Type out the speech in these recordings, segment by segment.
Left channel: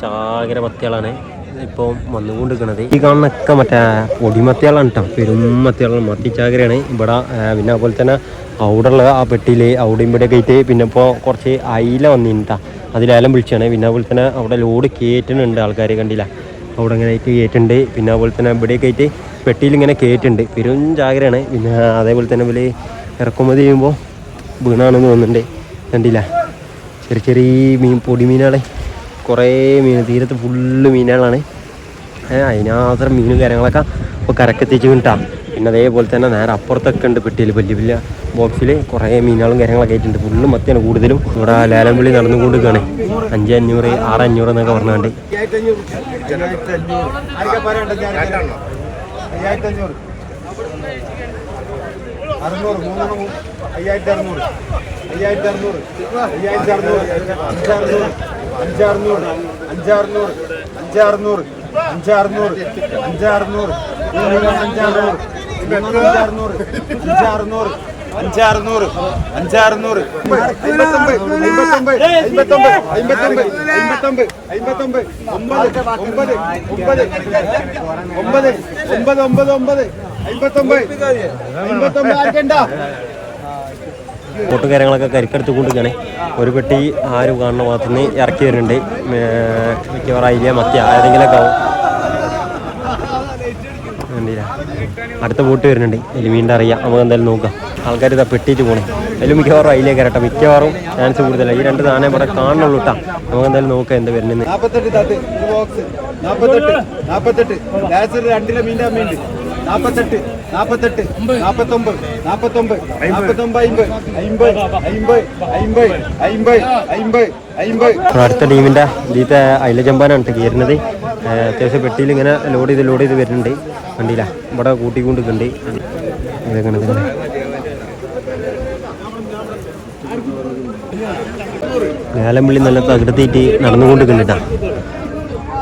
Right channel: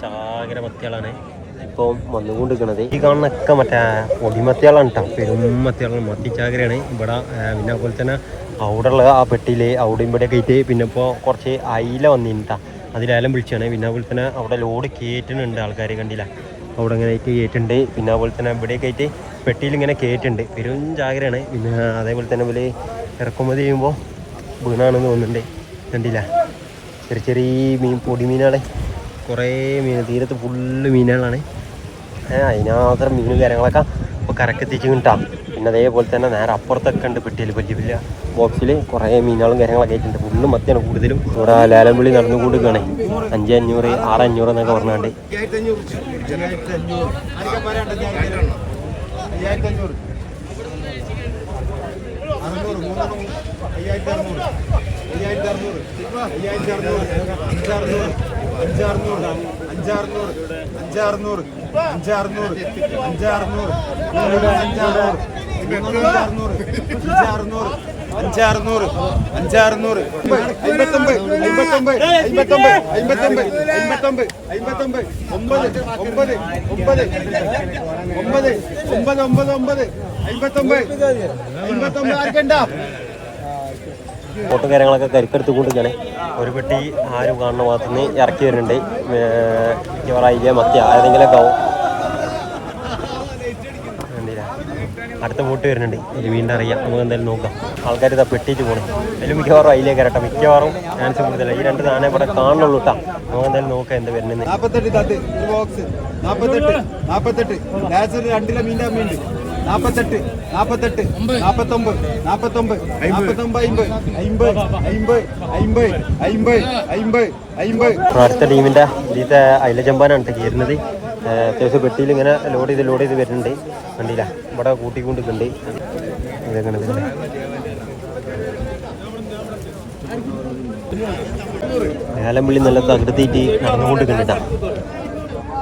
ചാകര മത്തികളാണ് ഇപ്പോൾ വന്നുകൊണ്ടിരിക്കുന്നത്. ഈ കാണുന്നൊക്കെ മറ്റേ പൊടിമത്തികളാണ് കേട്ടോ, പെരുമത്തികളാണ്, മത്തി ചാകരയാണ് ഇവിടെ. പിന്നെ അതുപോലെ തന്നെ അവിടെയുള്ള ആ പെട്ടിയിൽ അവിടെയും ഇവിടെ കയറ്റി. പിന്നെ ഇപ്പോൾ കുറച്ച് അയില വന്നിട്ടാ, അതിലേലം വിളിച്ചാണ്. പിന്നെ അതുപോലെ തന്നെ അവിടെ ലോഡ് കയറ്റുന്നുണ്ട് ആൾക്കാർ, കണ്ടില്ല, അവിടെ ഇങ്ങനെ ആയിട്ട് കയറ്റുണ്ട്. പിന്നെ അതുപോലെ തന്നെ ഇവിടെ കയറ്റി പെട്ടിയിൽ ഇങ്ങനെ കയറ്റുണ്ട്, പെരും ചാകരയാണ്. പിന്നെ അതേപോലെ തന്നെ ഇവിടെ ഇറക്കുമതി ചെയ്യുമ്പോൾ വീണാണെന്ന് തോന്നുന്നുണ്ട്, കണ്ടില്ല, ചെറിയ ചെറിയ മീൻ, പൊടിമീനാണ്, കുറേ മീൻ, തീരത്ത് ഫുള്ള് മീനുകളാണ്. അതിനാത്രം മീനും കാര്യങ്ങളൊക്കെ ഇപ്പോൾ കരക്കെത്തിച്ച് കിട്ടാം. പിന്നെ അതേപോലെ തന്നെ നേരെ അപ്പുറത്തൊക്കെ ഉണ്ട് പെട്ടിയിൽ, വലിയ വലിയ ബോക്സിൽ കുറേ മീനുകളും കാര്യങ്ങളൊക്കെ ആയിട്ടുണ്ട്. ഫുള്ളും മത്തിയാണ് കൂടുതലും. ഇവിടെ ലേലം വിളി നടന്നുകൊണ്ടിരിക്കുകയാണ്. 5,500, 6,500 എന്നൊക്കെ പറഞ്ഞാണ്ട്. 59 ബോട്ടും കാര്യങ്ങളൊക്കെ കരിക്കടുത്ത് കൊണ്ടിരിക്കുകയാണ്. ഒരു പെട്ടി ആരും കാണുന്ന ഭാഗത്തുനിന്ന് ഇറക്കി വരുന്നുണ്ട്. മിക്കവാറായില്ല മത്തി ഏതെങ്കിലുമൊക്കെ ആവും. അടുത്ത ബോട്ട് വരുന്നുണ്ട്, ഇതിൽ മീൻ്റെ അറിയാം, നമുക്ക് എന്തായാലും നോക്കാം. ആൾക്കാർ ഇതാ പെട്ടിയിട്ട് പോകുന്നു. അതിൽ മിക്കവാറും അതിലേക്ക് കയറട്ടെ, മിക്കവാറും ചാൻസ് കൂടുതലാണ്. ഈ രണ്ട് സാധനം ഇവിടെ കാണുന്നുള്ളൂ കേട്ടോ. നമുക്ക് എന്തായാലും നോക്കാം എന്താ വരുന്നത്. 48 ബോക്സ് 48 2 മീൻ്റെ അമ്മയുണ്ട്. 48 49 49 49 50. അടുത്ത ടീമിൻ്റെ ഇതിലത്തെ അയില ചമ്പാനാണ് കയറുന്നത്. അത്യാവശ്യം പെട്ടിയിൽ ഇങ്ങനെ ലോഡ് ചെയ്ത് വരുന്നുണ്ട്, കണ്ടില്ല, ഇവിടെ കൂട്ടിക്കൊണ്ടിരിക്കുന്നുണ്ട്. ലേലംവിളി നല്ല തകർത്തിയിട്ട് നടന്നുകൊണ്ടിരിക്കുന്നുണ്ട്.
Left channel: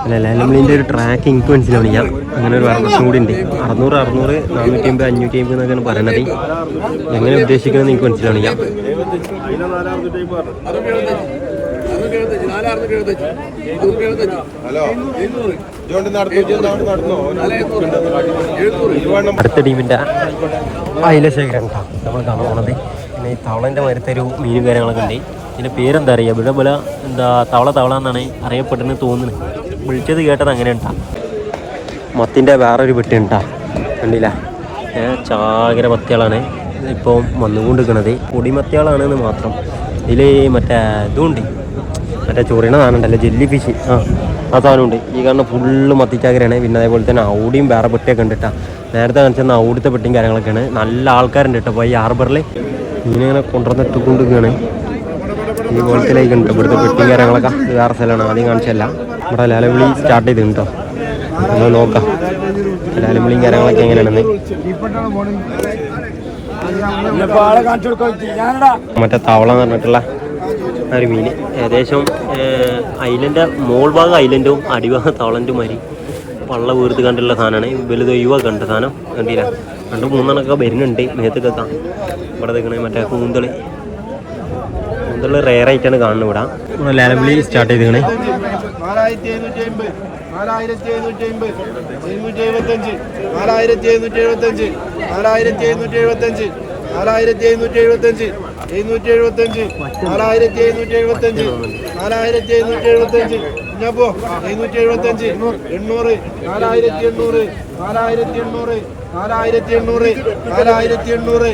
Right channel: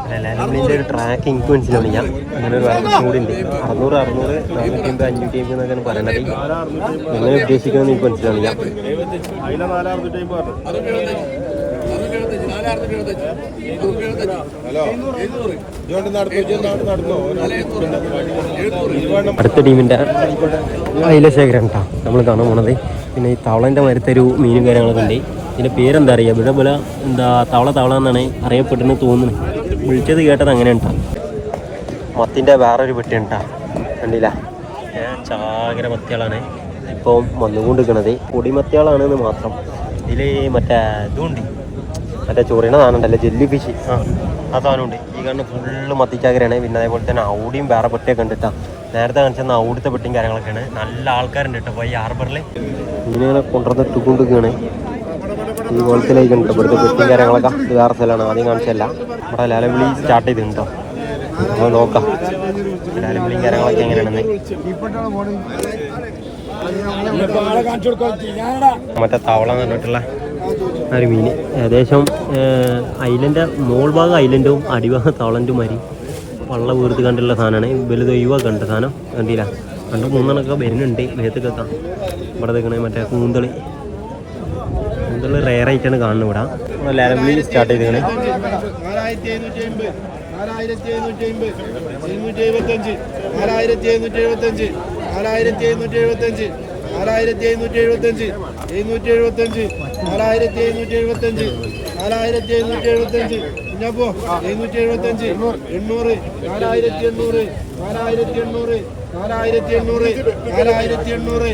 അല്ല, ലേലംവിളിൻ്റെ ഒരു ട്രാക്ക് എനിക്ക് മനസ്സിലാവില്ല. അങ്ങനെ ഒരു വർഷം കൂടി ഉണ്ട്. 600, 450, 550 എന്നൊക്കെയാണ് പറയുന്നത്. എങ്ങനെ ഉദ്ദേശിക്കുന്നത് എനിക്ക് മനസ്സിലാവില്ല. അടുത്ത ടീമിൻ്റെ അയില ശേഖരം നമ്മൾ കാണാൻ പോകുന്നത്. പിന്നെ ഈ തവളൻ്റെ മരത്തൊരു മീനും കാര്യങ്ങളൊക്കെ ഉണ്ട്. ഇതിൻ്റെ പേരെന്താ അറിയാം, ഇവിടെ പോലെ എന്താ തവള എന്നാണ് അറിയപ്പെടുന്നത് തോന്നുന്നത്. വിളിച്ചത് കേട്ടത് അങ്ങനെ ഉണ്ടാ. മത്തിൻ്റെ വേറൊരു പെട്ടി ഉണ്ടാ, കണ്ടില്ല, ചാകര മത്തികളാണ് ഇപ്പോൾ വന്നുകൊണ്ടിരിക്കുന്നത്. പൊടിമത്തികളാണെന്ന് മാത്രം. ഇതിൽ മറ്റേ ഇതുണ്ട്, മറ്റേ ചൊറിയണ സാധനമുണ്ടല്ലോ, ജെല്ലി ഫിഷ്, ആ സാധനമുണ്ട്. ഈ കാണുന്ന ഫുള്ള് മത്തിച്ചാകരയാണ്. പിന്നെ അതേപോലെ തന്നെ ഔടിയും വേറെ പെട്ടിയൊക്കെ ഉണ്ട് കേട്ടോ. നേരത്തെ കാണിച്ചെന്ന ഔടത്തെ പെട്ടിയും കാര്യങ്ങളൊക്കെയാണ്. നല്ല ആൾക്കാരുണ്ട് കേട്ടോ. അപ്പോൾ ഈ ഹാർബറിൽ ഇങ്ങനെ കൊണ്ടുവന്നിട്ട് കൊണ്ടുവരികയാണ്. ഈ കോളത്തിലേക്ക് ഉണ്ട് ഇവിടുത്തെ പെട്ടിയും കാര്യങ്ങളൊക്കെ. വേറെ സ്ഥലമാണ്, ആദ്യം കാണിച്ചല്ല. ഇവിടെ ലേലംവിളി സ്റ്റാർട്ട് ചെയ്തിട്ടുണ്ട് കേട്ടോ. നമ്മൾ നോക്കാം ലേലംവിളിയും കാര്യങ്ങളൊക്കെ എങ്ങനെയാണെന്ന്. മറ്റേ തവള എന്ന് പറഞ്ഞിട്ടുള്ള ഒരു മീൻ, ഏകദേശം ഐലൻ്റെ മോൾ ഭാഗം ഐലൻഡും അടിഭാഗം തവളൻ്റെ മാതിരി വള്ള വീർത്ത് കണ്ടുള്ള സാധനമാണ്. വലുത് ഒഴിവാ കണ്ട സാധനം, കണ്ടില്ല, 2-3 വരുന്നുണ്ട് മേത്തൊക്കെ. ഇവിടെ നിൽക്കണേ മറ്റേ കൂന്തൾ റെയറായിട്ടാണ് കാണുന്നത്. ഇവിടെ ലേലംവിളി സ്റ്റാർട്ട് ചെയ്തിട്ടുണ്ട്. 4750 4775 4775 4775 4775 4775 4775 800 4800 4800 4800